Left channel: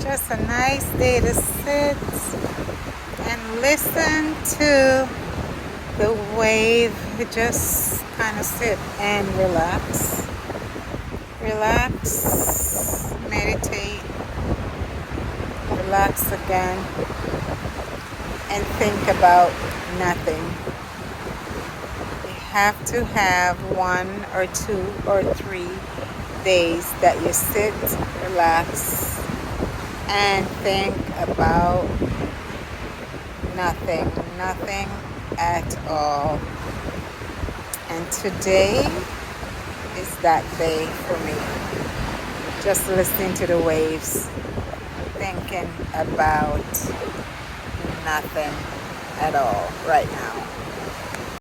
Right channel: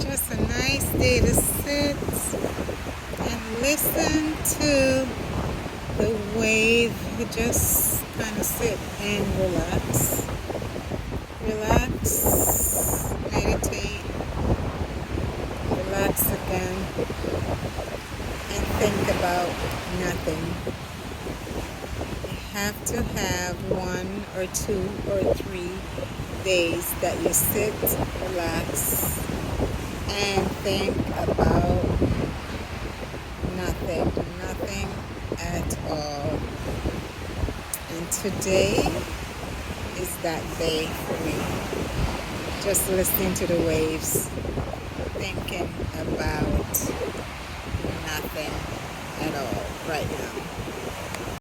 just a nice day to sit and listen to the wave. You just kind of sit and relax. Relax, meditate, relax again, and think about nothing. You have to have 1 or 2 or 3 days that you sit, relax, and think about nothing at all. And today is that day for me. Just listening to the waves, thinking about nothing at all right now.